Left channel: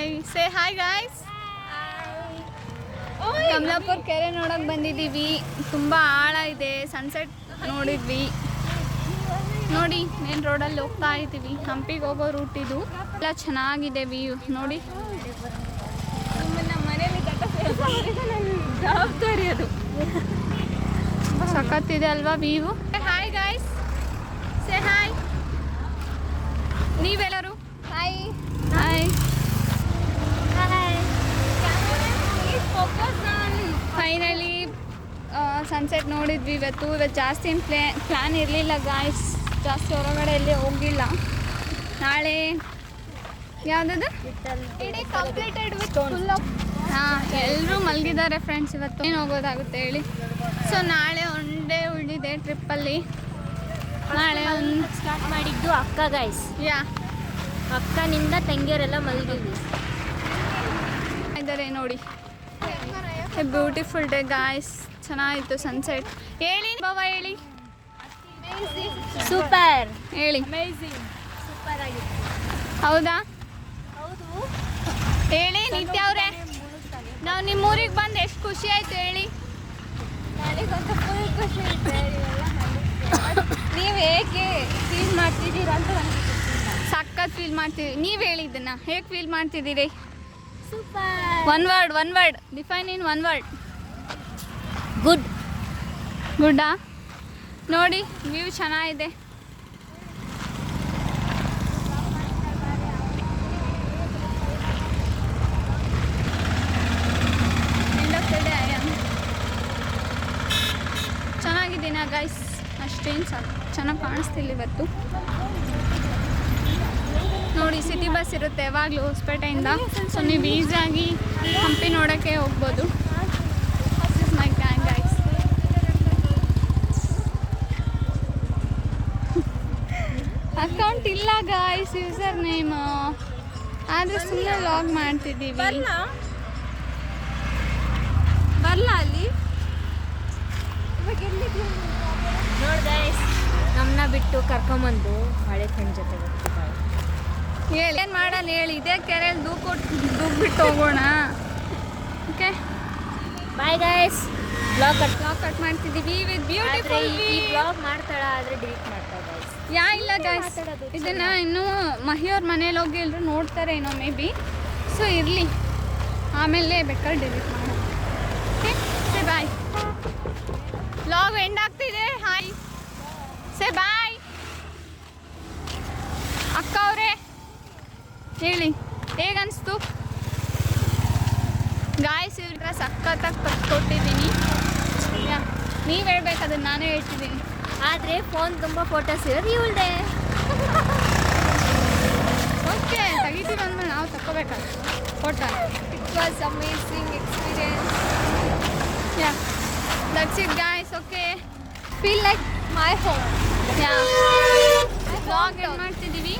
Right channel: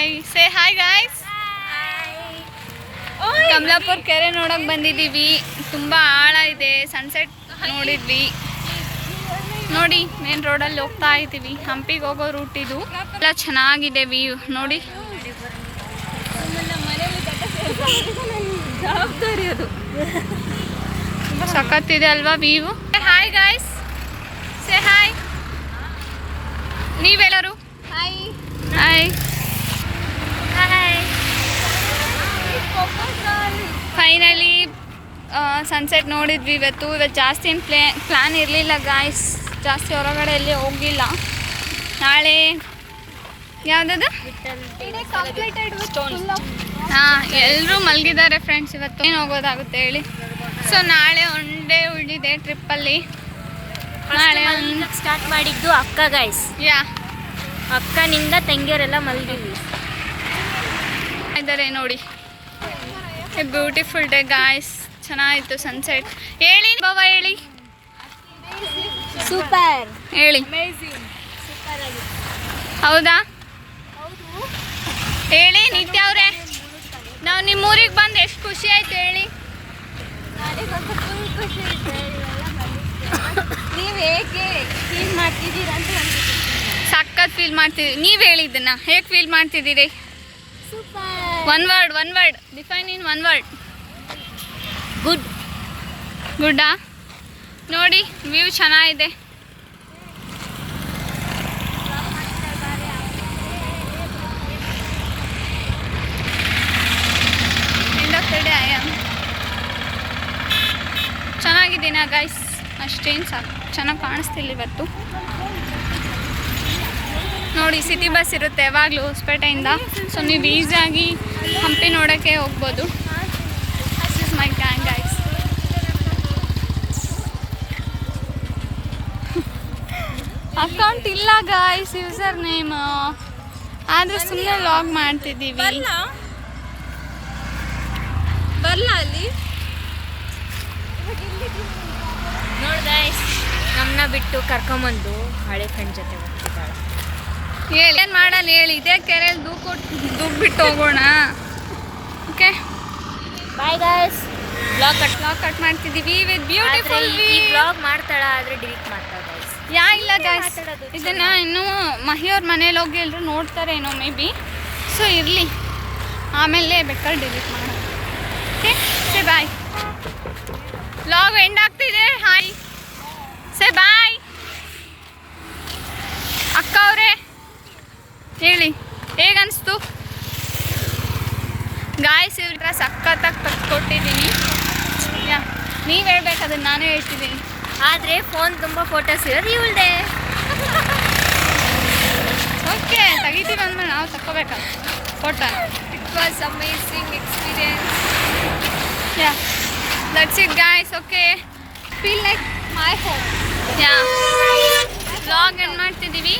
Hi say hi guys. Kamalapura ಕೆರೆ ನೋಡಕ್ ಬಂದಿದ್ದೀವಿ. ತುಂಬ ಆಳ ಇದೆ. ಸನ್ಸೆಟ್ ನೋಡಿದ್ವಿ. ನೋಡಿ ಮೇನ್ ರೋಡಲ್ಲಿ ಹೋಗ್ತಾ ಇದ್ದೀವಿ. ಹಂಪಿಗೆ ಹೋಗೋ ರೂಟ್ ಇದು. ಎಲ್ಲ ಚೆನ್ನಾಗಿದೆ ವ್ಯೂ ನೋಡಿ. ಸಖತ್ತಿದೆ ಅಲ್ವಾ view. Hi guys say hi. ನೀವೆಲ್ಲರೂ hi hi hi. Finally sunset ನೋಡಿದ್ವಿ ಇವತ್ತು ಜಾಸ್ತಿ ಏನು ಪ್ಲ್ಯಾನ್ ಇರಲಿಲ್ಲ ಗಾಯ್ಸ್. ಜಾಸ್ತಿ ಹೊರಗಡೆ ಎಲ್ಲಿ ಹೋಗಿಲ್ಲ. ನಾಳೆ ಯಾವುದದು ಹಾಂ ಎಲ್ಲರೂ ಮಲಗಿದ್ದಾರೆ ಫ್ರೆಂಡ್ಸ್. ಇವತ್ತು ಏನು ಹೋಗೋದಾಗುತ್ತೆ ಹೇಳಿ. ಸೊ ನಾಳೆ ಒನ್ ಡೇ ಉಳಿದಿದೆ ಟ್ರಿಪ್ಪಲ್ಲಿ. ನಾಳೆ ಸ್ಟಾರ್ಟ್ ಮಾಡಿದ್ದು ಅಕ್ಕ ಗಾಯ್ಸ್. ಯಾ ಅಕ್ಕನಿಂದ ತಂಗಿಯರೆಲ್ಲ ಮಲಗಿದ್ವಿ ಇದ್ದಾರೆ ನೋಡಿ. Beautiful day guys. ಚೆನ್ನಾಗಿತ್ತು ಸನ್ಸೆಟ್. ಹೇಳಿ ಬಾಬಾ ಹೇಳಿ. ಸೂಪರ್ ಹೇಳಿ. ಸೂಪರ್ ಆಗಿತ್ತು. ಹೌದಾ ಹೇಳಿ ನಿತ್ಯ ಅವರೇ. ನಾವು ನಿಮ್ಮೂರಿಗೆ ಬಂದು ಎಷ್ಟು ಖುಷಿ ಆಯ್ತು ಹೇಳಿ. ನೀವು ಹೇಗೆ ಫೀಲ್ ಮಾಡ್ತಿದ್ದೀರಾ ಅಂತ ನನಗೆ ಸಖತ್ ಫೀಲ್ ಮಾಡ್ತಿದ್ದೀವಿ. ನೀವು ಹೇಳಿದ್ದನ್ನ ಹೇಗೆ ಫೀಲ್ ಮಾಡ್ತಿದ್ದೀರಿ? Super. One word define in one word. Good. ಗುಡ್ಡಾ ನೋಡಿ ವ್ಯೂ ಚೆನ್ನಾಗಿದೆ. End of the day I am ಚೆನ್ನಾಗಿದ್ದೀನಾ ಗೈಸ್? ಅಷ್ಟೇನು ಸಾಕು, ಚೆನ್ನಾಗಿ ಕಾಣಿಸ್ತಿಲ್ಲ ಇವತ್ತು. ನೋಡಿ ಸಿಟಿ ಬಸ್ ಇರುತ್ತೆ ಯಾವಾಗಲೂ ಹೊಸಪೇಟೆಯಿಂದ. ಸೊ ನೀವು ಈಸಿಯಾಗಿ ಹಂಪಿ ನೋಡೋಕ್ಕೆ ಹೋಗ್ಬೋದು. This is my gang guys. Account ಇಲ್ಲ ಗಾಯ್ಸ್, ಯೂಸರ್ ನೇಮ್. ಆದರೆ ಸುಮ್ಮನೆ ಲಾಗ್ ಮಾಡ್ತಿದ್ದೀವಿ. ಬರಲ್ಲ ಅಲ್ಲಿ ನೋಡಿ ಗೈಸ್. ನಮ್ಮನ್ನ ಬಿಟ್ಟು ಕರ್ಕೊಂಬಂದು ಹಳೆ ಫ್ರೆಂಡ್ ಜೊತೆ ಹೋಗ್ತಿದ್ದಾಳೆ. ಹೇಳಿ ಏನು ಮಾಡಲ್ಲ ಹೇಳಿ. ಇದೇ ಕೆರೆಯಲ್ಲಿ ದೂಕ್ಬಿಟ್ಟು ಹೋಗೋಣ. Okay bye guys. Blog cut ಮಾಡ್ತಿದ್ದೀವಿ ವಿತ್ ಬ್ಯೂಟಿಫುಲ್. ಈ ಬ್ಲಾಗ್ ಮಾಡ್ತಾಳ ಆದರೆ ಡಿಲೀಟ್ ಮಾಡ್ತಾಳೆ ಗೈಸ್. ಇಲ್ಲ ಗೈಸ್, ಇದನ್ನು ಇನ್ನೂ ಮಹಿಯವ್ರ ಮನೇಲಿ ಹೋಗಿ ಎಲ್ಲರೂ ನೋಡ್ತಾರೆ ಏನೋ ಮೇ ಬಿ. ಸೊ ಇರಲಿ, ಆಮೇಲೆ ಬೇಕಾದ್ರೆ ಡಿಲೀಟ್ ಮಾಡೋಣ. ಓಕೆ ಸೇ ಬಾಯ್. ಬ್ಲಾಗ್ ಎಂಡ್ ಆಗ್ತಿದೆ. ಹಾಯ್ ಸೇ ಬಾಯ್. ಅಕ್ಕ ಅವರೇ ಹೇಳಿ ಹೇಗನ್ನಿಸ್ತು ಗಾಯ್ಸ್? ಇವ್ರ ಸಖತ್ತಾಗಿ ಕೊಟ್ಟಿದ್ದೀನಿ. ಯಾ ನೀವು ಹೇಳ್ಬೇಕು, ಅದನ್ನು ನಾನು ಹೇಳ್ತಿದ್ದೀನಿ. ಆದರೆ ಫೋನ್ ತುಂಬ ಫೋಟೋಸ್ ಇರೋದು ಇವಳ್ದೆ. ಓಕೆ ತೆಗಿತೀವಿ ಅಂದ್ಮೇಲೆ ನಾವು ತಗೋಬೇಕಲ್ಲ ಫೋಟೋನ. It was amazing experience. Yeah that's it guys. Okay feel like my home. Yeah vlog end ಮಾಡ್ತಿದ್ದೀವಿ.